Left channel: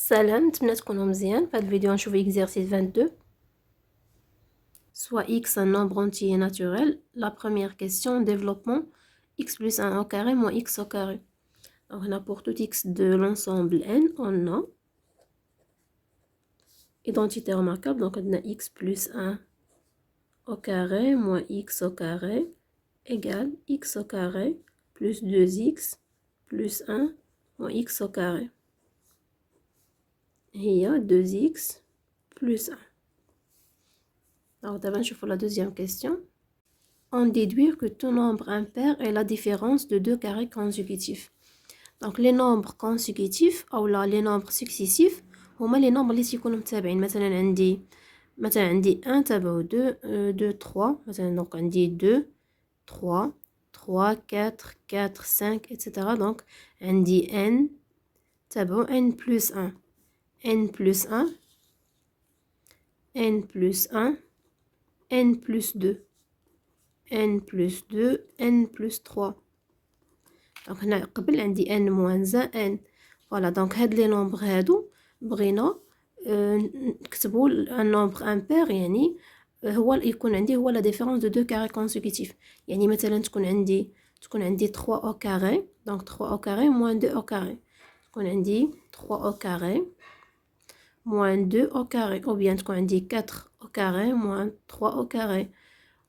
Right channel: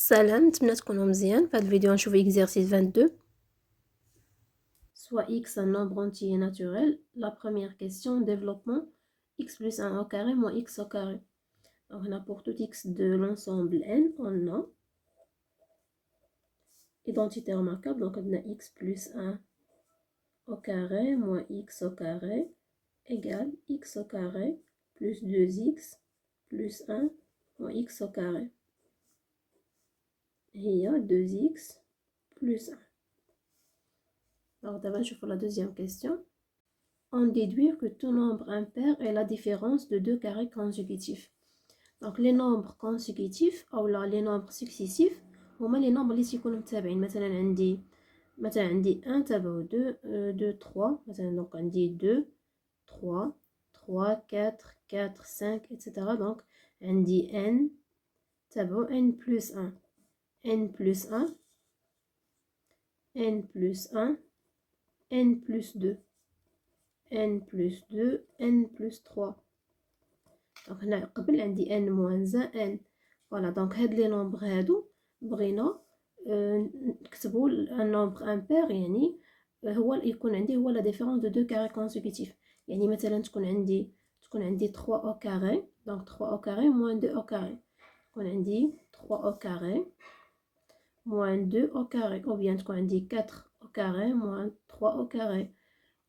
سلام، نتمنى تكونوا مزيان. في هذا الفيديو نشوف exercice 22. Soit x un nombre entier naturel. La première question, développement, x plus 1 au carré moins x au carré. Donc on a pour tout x de l'ensemble n, on a identité remarquable, donc on a x plus 1 au carré moins x au carré égale x au carré plus 2x plus 1 moins x au carré. Il y a 2x plus 1. Alors d'abord, je la deuxième question. On déduit que tout nombre impair est la différence de deux carrés consécutifs. Donc les nombres consécutifs ou là les nombres successifs هما les nombres اللي تيكونوا متابعين. مثلا عندي 1 تبعو 2 2 3 مثلا. دونك عندي 2 3 3 4 4 5 etc. دونك عندي n تبعو n plus 1 n plus 1 n plus 1 n plus 2 n plus 2 n plus 3. دونك هنا قبل عندي n moins 1 n. فوالا دونك هاد لي نومبر هادو بغينا نكتبو ان نومبر امبير، يعني هو يكون عندي هو لا ديفيرونس دو دو كاري كونسيكوتيف. يعني مثلا تكون عندي 3 او كاري، دونك 3 او كاري موان 2 او كاري، تكون عندي 3 او كاري موان 2 au carré، ou bien تكون عندي 4 au carré moins 3 au carré،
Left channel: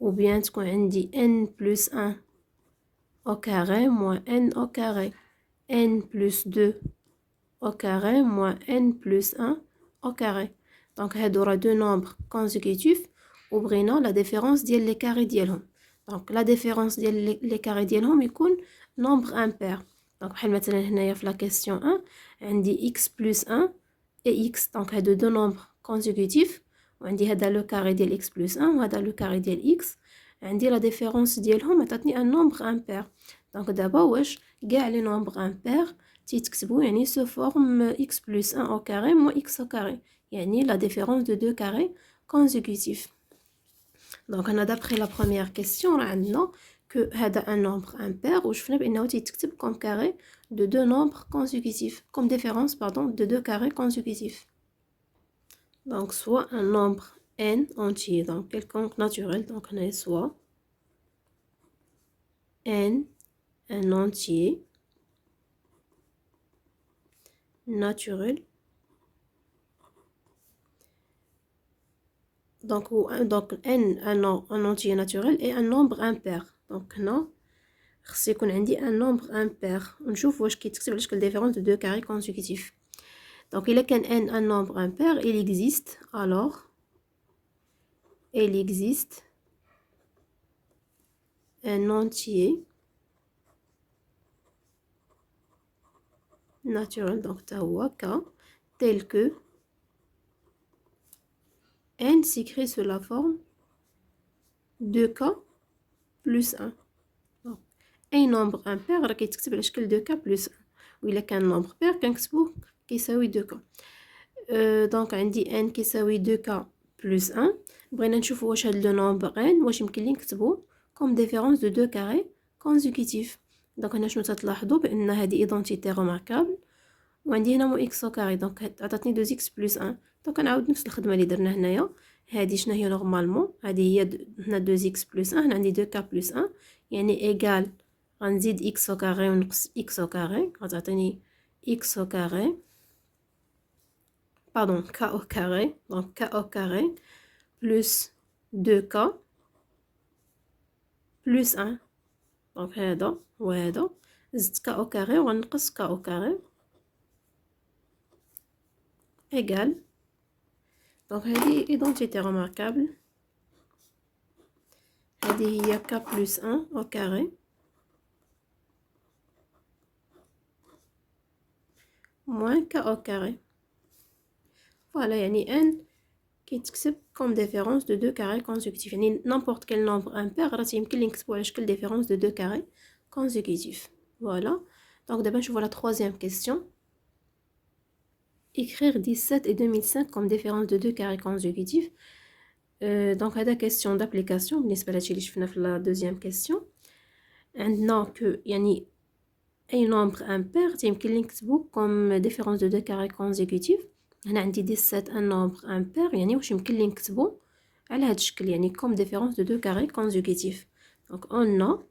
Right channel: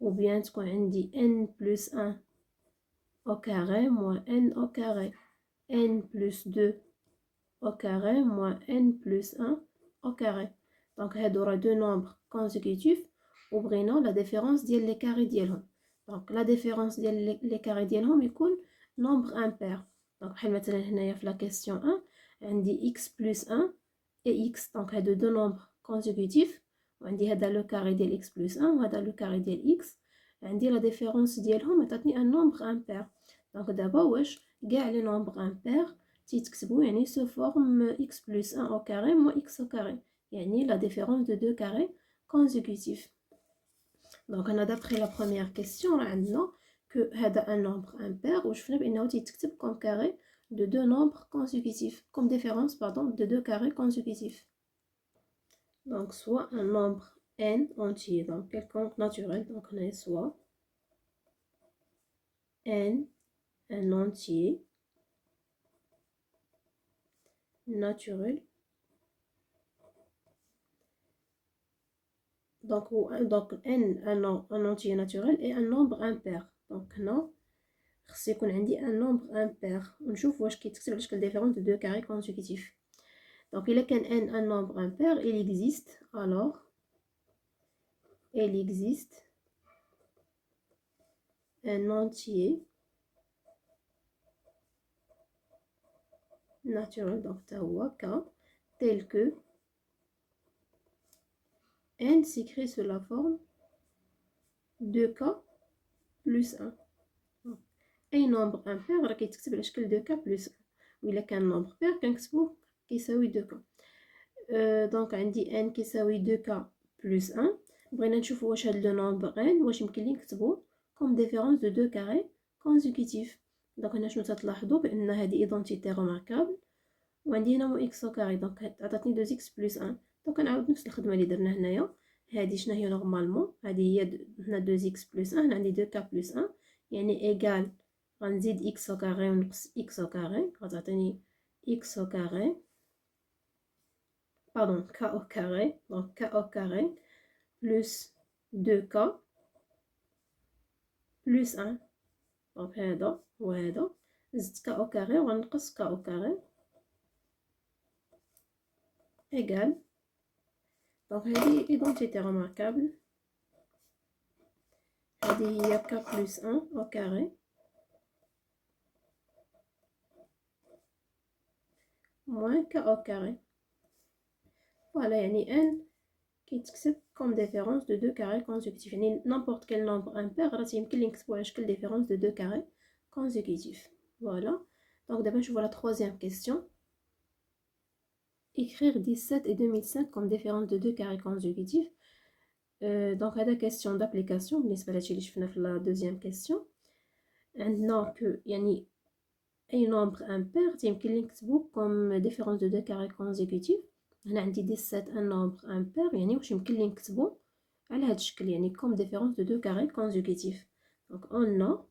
ou bien تكون عندي n plus 1 au carré moins n au carré، n plus 2 au carré moins n plus 1 au carré. Donc هادو راه دو نومبر كونسيكوتيف وبغينا لا ديفيرونس ديال لي كاري ديالهم. دونك لا ديفيرونس ديال لي كاري ديالهم يكون نومبر امبير. دونك بحال مثلا هنايا في لا كيسيون 1 عندي x plus 1 et x. دونك هادو دو نومبر كونسيكوتيف وعندي هذا لو كاري ديال x plus 1 وهذا لو كاري ديال x. عندي لا ديفيرونس ديالهم عطاتني ان نومبر امبير. دونك دابا واش كاع لي نومبر امبير تيتكتبوا يعني سو فورم x plus 1 au carré moins x au carré، يعني la différence de deux carrés consécutifs. Donc on a d'après la première question راه عندنا que هذا un nombre impair وشفنا بانه تيتكتب comme carré de deux nombres consécutifs, comme différence pardon de deux carrés consécutifs. Donc soit un nombre n entier, donc quelconque naturel, donc on a soit n un entier naturel. Donc n un entier naturel et un nombre impair. Donc هنا خص يكون عندي un nombre impair ونشوف واش كيتكتب على شكل différence de deux carrés consécutifs. Donc إلا كان n un nombre impair, il existe alors un entier naturel, donc تا هو k tel que n s'écrit sous la forme 2k plus 1. donc اي nombre impair راه كيتكتب على شكل 2k plus 1، وإلا كان nombre pair كنكتبوه كيساوي 2k. دونك عندي n كيساوي 2k plus 1. بغينا نشوفو واش هاد لو نومبر n واش يمكن لي نكتبو comme différence de deux carrés consécutifs. دونك هنا شنو تتلاحظوا بان هذه ايدونتيتي ريماركابل وعندي هنا مو اكس او كاري، دونك عطاتني 2x بلس 1. دونك نعاود نفس الخدمه اللي درنا هنايا. هذه شنو هي نورمالمون؟ هذه هي هنا 2x بلس 1، هنا عندي 2k بلس 1 يعني ايغال غنزيد اكس او كاري ونقص اكس او كاري غتعطيني اكس او كاري pardon k au carré، donc k au carré plus 2k plus 1. donc هذا وهذا زدت k au carré وغنقص k au carré égal. donc هذه identité remarquable. هذه هي k plus 1 au carré moins k au carré. voilà يعني n كيتكتب comme différence de deux carrés consécutifs، يعني n'importe quel nombre impair راه يمكن لي نكتبو على شكل différence de deux carrés consécutifs. voilà. donc دابا نشوفو la troisième question. écrire 17 et 2005 comme différence de deux carrés consécutifs. donc هذا question d'application بالنسبه لهادشي اللي شفنا في la deuxième question. عندنا que يعني اي نومبر امبير يمكن لي نكتبو كوم ديفيرونس دو دو كاري كونزيكوتيف. هنا عندي 17 ان نومبر امبير، يعني واش يمكن لي نكتبو على هاد الشكل، يعني كوم ديفيرونس دو دو كاري كونزيكوتيف. دونك اون ا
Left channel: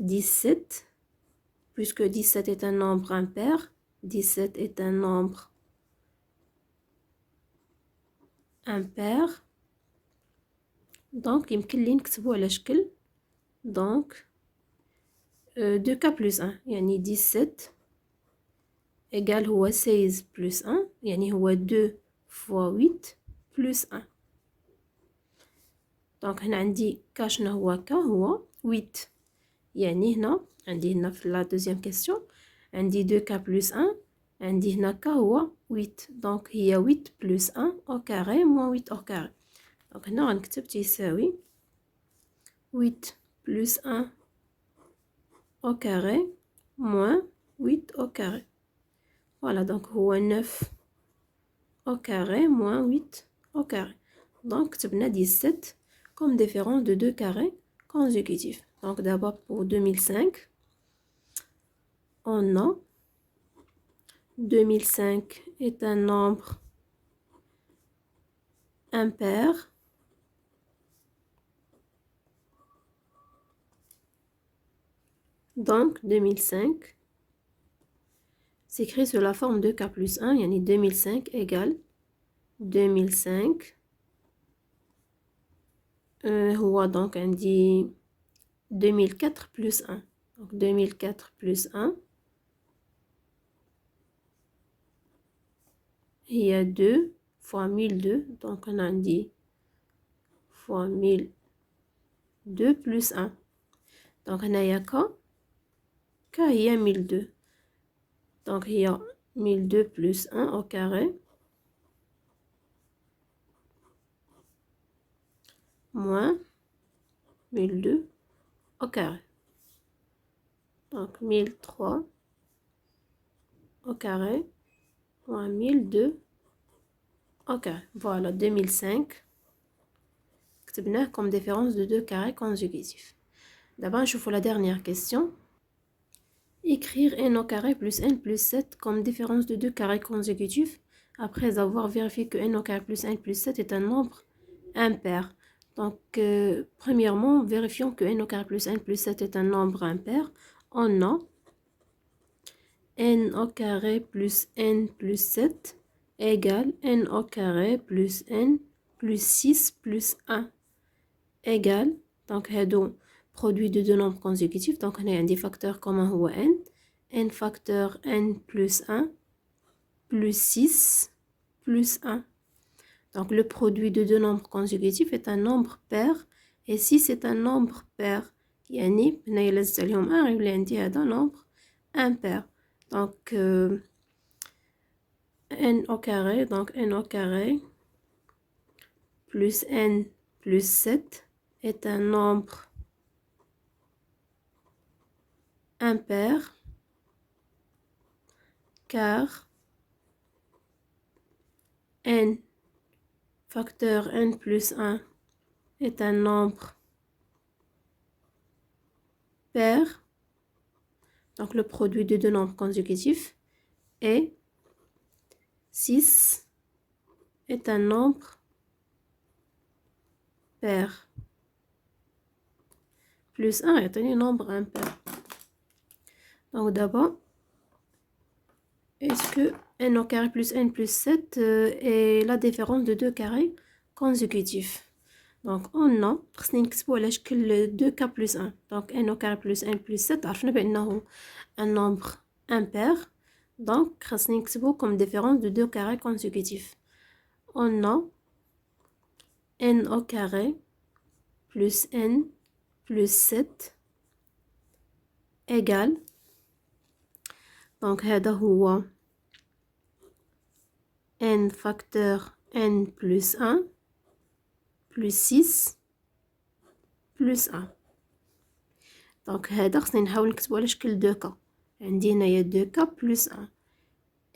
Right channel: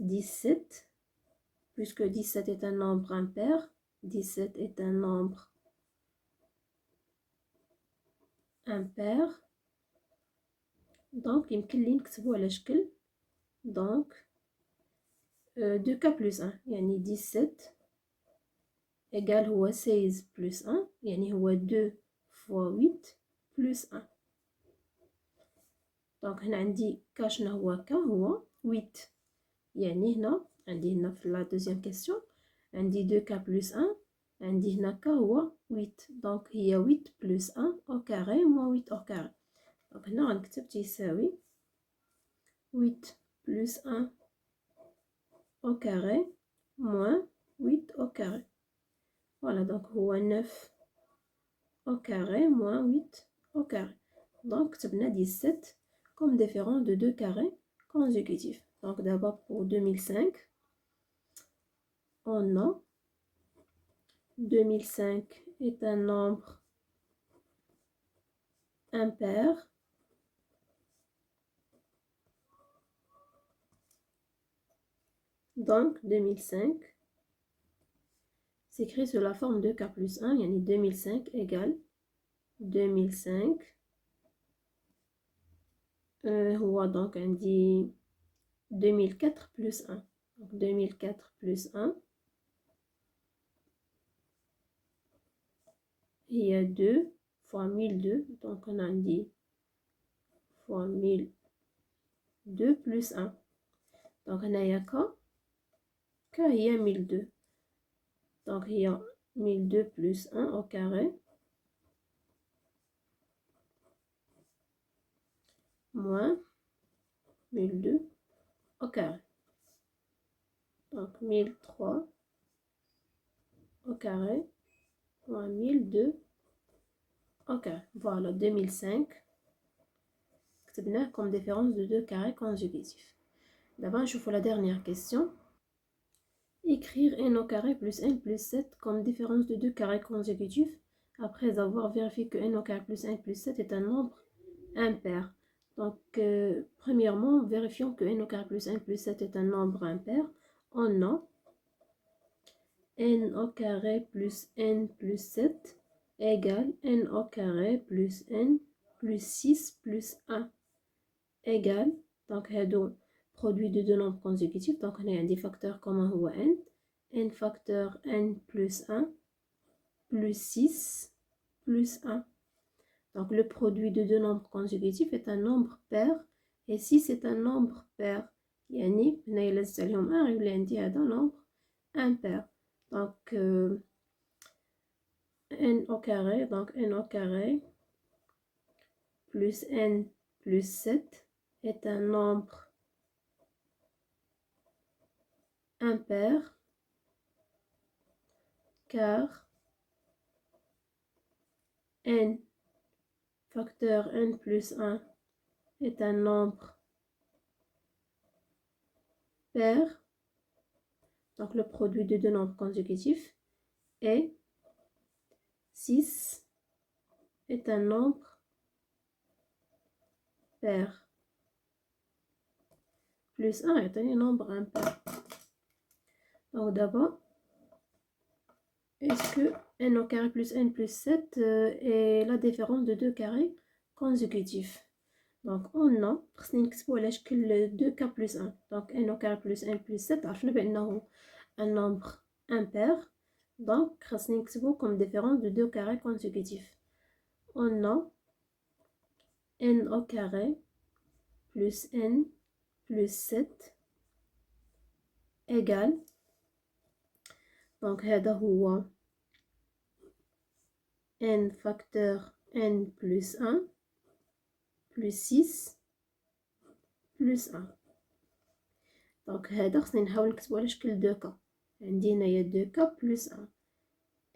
17 puisque 17 est un nombre impair, 17 est un nombre impair. donc يمكن لي نكتبو على شكل donc 2k plus 1 يعني 17 égal هو 16 plus 1 يعني هو 2 fois 8 plus 1. donc هنا عندي k شنو هو k هو 8، يعني هنا عندي هنا في la deuxième question عندي 2k plus 1 عندي هنا k هو 8، donc هي 8 plus 1 au carré moins 8 au carré. donc هنا غنكتب تيساوي 8 plus 1 au carré moins 8 au carré. voilà donc هو 9 au carré moins 8 au carré. donc كتبنا 17 comme différence de deux carrés consécutifs. donc d'abord pour 2005 on a 2005 est un nombre impair donc 2005 s'écrit sous la forme de k plus 1 yani 2005 égale 2005 هو donc عندي 2004 plus 1 donc 2004 plus 1 هي 2 fois 1002 donc on a dit fois 1002 plus 1 donc هنايا k هي 1002 donc هي 1002 plus 1 au carré moins 1002 au carré. donc 1003 au carré moins 1002 au carré. voilà 2005 كتبناه comme différence de deux carrés consécutifs. d'abord نشوفو la dernière question. écrire n au carré plus n plus 7 comme différence de deux carrés consécutifs après avoir vérifié que n au carré plus n plus 7 est un nombre impair. donc premièrement vérifions que n au carré plus n plus 7 est un nombre impair. on a n au carré plus n plus 7 égale n au carré plus n plus 6 plus 1 égale donc هادو produit de deux nombres consécutifs. donc on a un des facteurs commun هو n facteur n plus 1 plus 6 plus 1. donc le produit de deux nombres consécutifs est un nombre pair et si c'est un nombre pair يعني هنايا لازت عليهم 1 يولي عندي هذا nombre impair. donc n au carré donc n au carré plus n plus 7 est un nombre impair car n facteur n plus 1 est un nombre pair, donc le produit de deux nombres consécutifs, et 6 est un nombre pair. plus 1 est un nombre impair. donc d'abord, est-ce que n au carré plus n plus 7 est la différence de deux carrés consécutifs. donc on a خصني نكتبو على شكل 2k plus 1 donc n au carré plus n plus 7 عرفنا بأنه un nombre impair donc خصني نكتبو comme différence de deux carrés consécutifs. on a n au carré plus n plus 7 égale donc هذا هو n facteur n plus 1 plus 6 plus 1. donc هذا خصني نحاول نكتبو على شكل 2k عندي هنايا 2k plus 1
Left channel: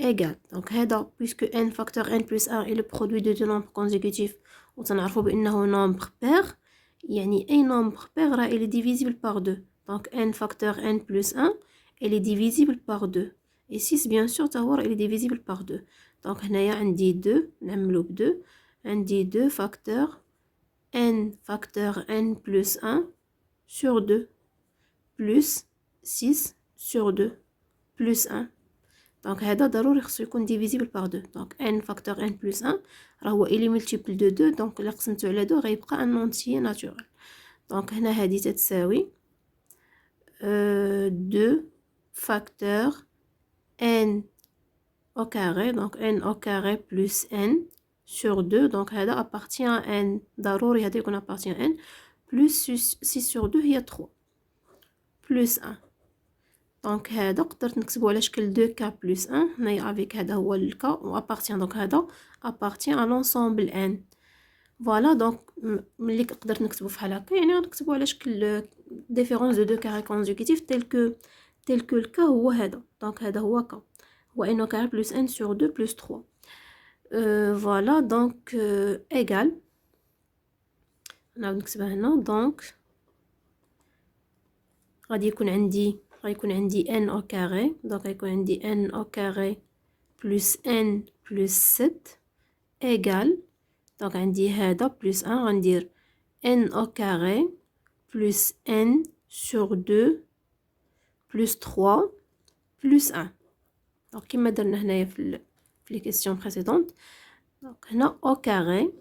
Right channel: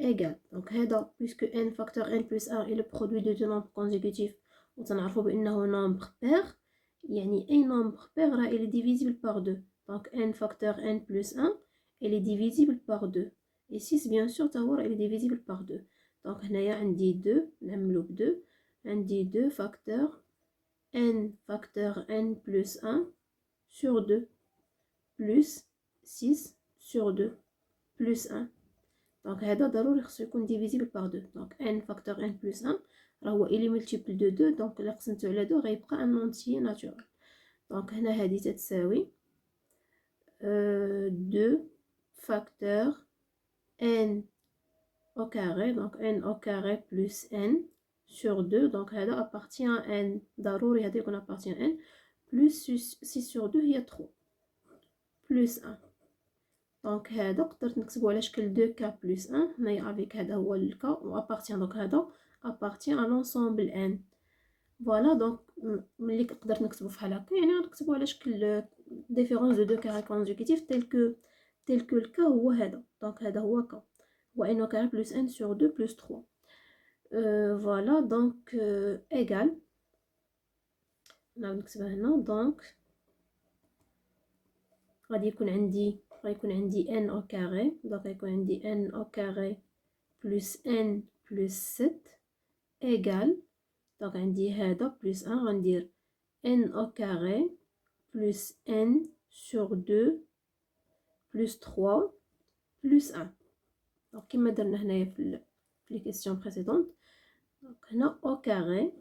égale donc هذا puisque n facteur n plus 1 est le produit de deux nombres consécutifs وتنعرفو بأنه nombre pair يعني أي nombre pair راه il est divisible par 2 donc n facteur n plus 1 elle est divisible par 2. Et 6 bien sûr تهور elle est divisible par 2. Donc هنايا عندي 2 نعملو ب 2 عندي 2 facteur n plus 1 sur 2 plus 6 sur 2 plus 1. Donc هذا ضروري خصو يكون divisible par 2. Donc n facteur n plus 1 راه هو إلي multiple de 2. donc إلا قسمتو على 2 غيبقى ان entier naturel. donc هنا هذه تتساوي 2 facteur n au carré. donc n au carré plus n sur 2. donc هذا appartient à n. ضروري هذا يكون appartient à n. plus 6 sur 2 هي 3 plus 1. donc هذا قدرت نكتبو على شكل 2k plus 1 هنايا افيك هذا هو الكا و appartient. donc هذا appartient à l'ensemble n. فوالا دونك ملي قدرت نكتبو فحال هكا يعني غنكتبو على شكل ديفيرونس دو 2 كاري كونجيكتيف تيل كو الكا هو هذا. دونك هذا هو كا هو ان او كاري بلس ان سور 2 بلس 3. فوالا دونك ايغال نعاود نكتبها هنا. دونك غادي يكون عندي n au carré. دونك غيكون عندي n au carré بلس n بلس 7 ايغال. دونك عندي هذا بلس 1 غندير n au carré plus n sur 2 plus 3 plus 1. donc كما درنا هنايا في les questions précédentes. donc هنا au carré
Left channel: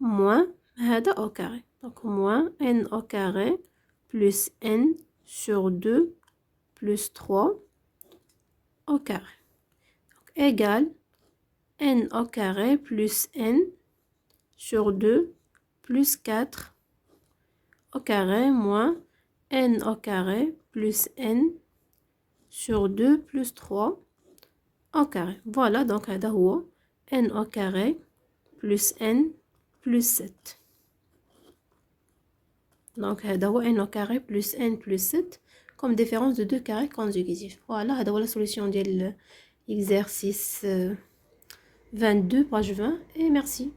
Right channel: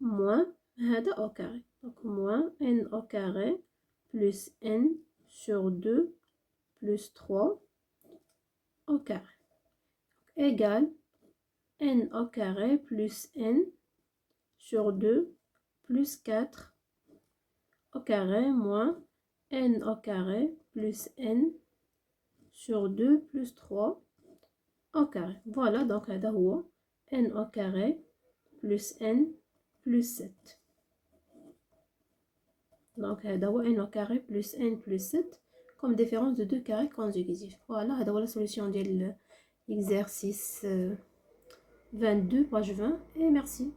moins هذا au carré. donc moins n au carré plus n sur 2 plus 3 au carré. donc égale n au carré plus n sur 2 plus 4 au carré moins n au carré plus n sur 2 plus 3 au carré. voilà donc هذا هو n au carré plus n plus 7. donc هذا هو n au carré plus n plus 7 comme différence de 2 carrés consécutifs. voilà هذا هو la solution ديال l'exercice 22 page 20 et merci.